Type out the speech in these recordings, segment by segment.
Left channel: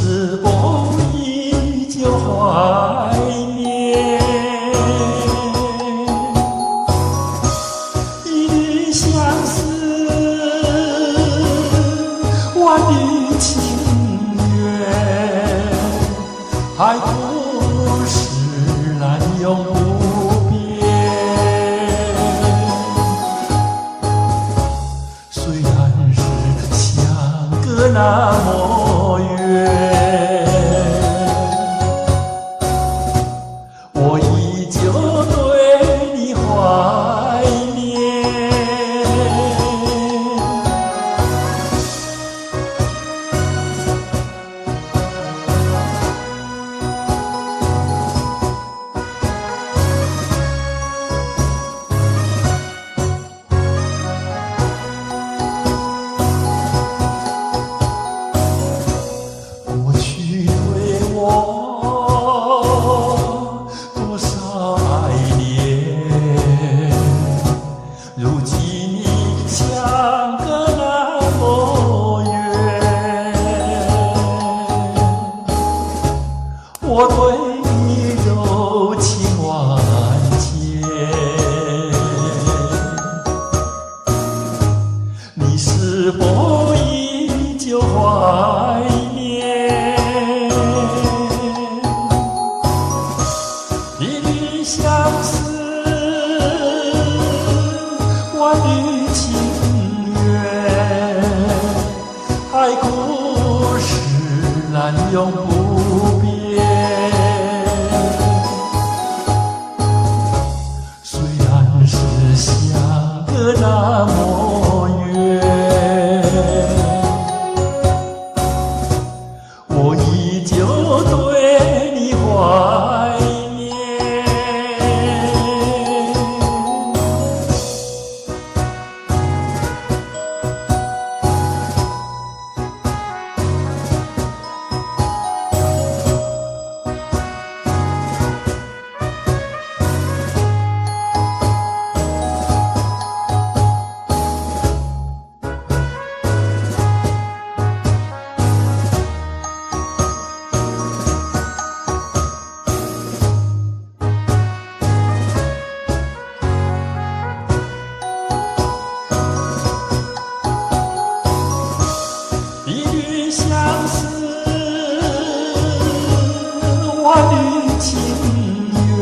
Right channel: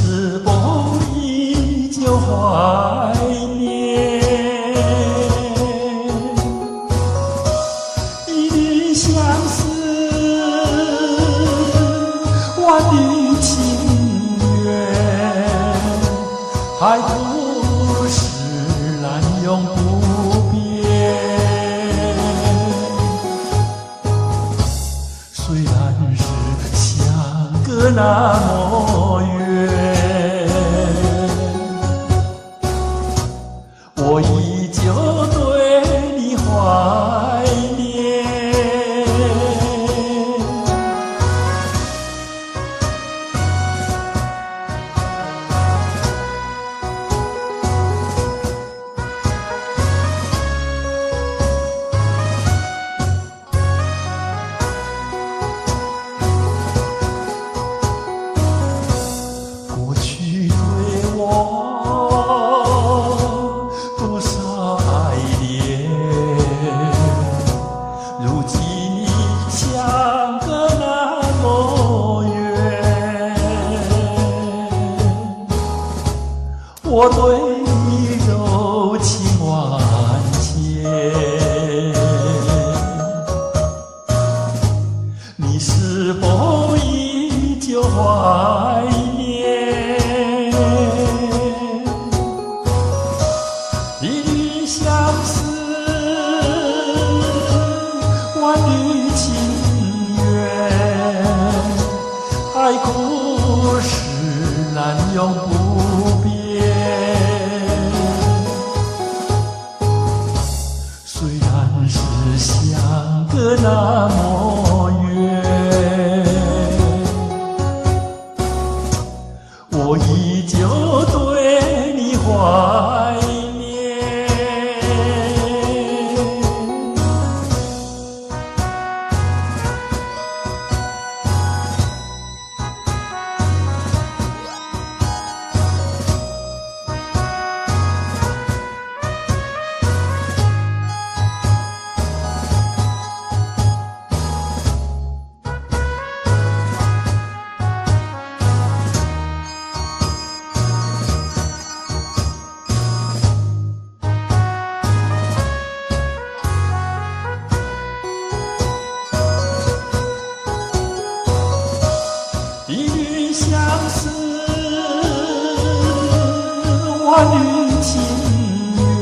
是否依旧怀念？一缕相思，万缕情缘，海枯石烂永不变。虽然是相隔那么远，我依旧对你怀念。过去对我多少爱恋，如今你相隔那么远，我对你柔情万千，你是否依旧怀念？一缕相思，万缕情缘，海枯石烂永不变。虽然是相隔那么远，我依旧对你怀念。一缕相思，万缕情缘，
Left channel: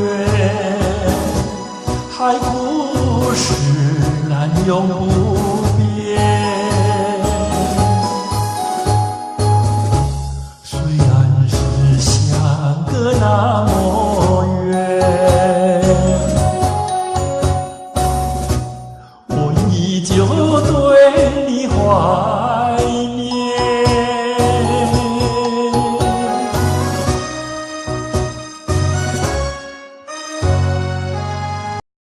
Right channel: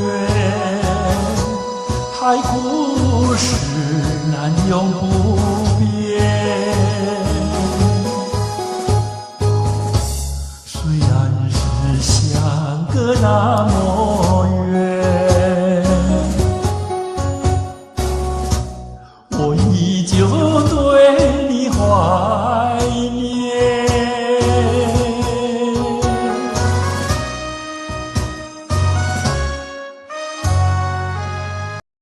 海枯石烂永不变。虽然是相隔那么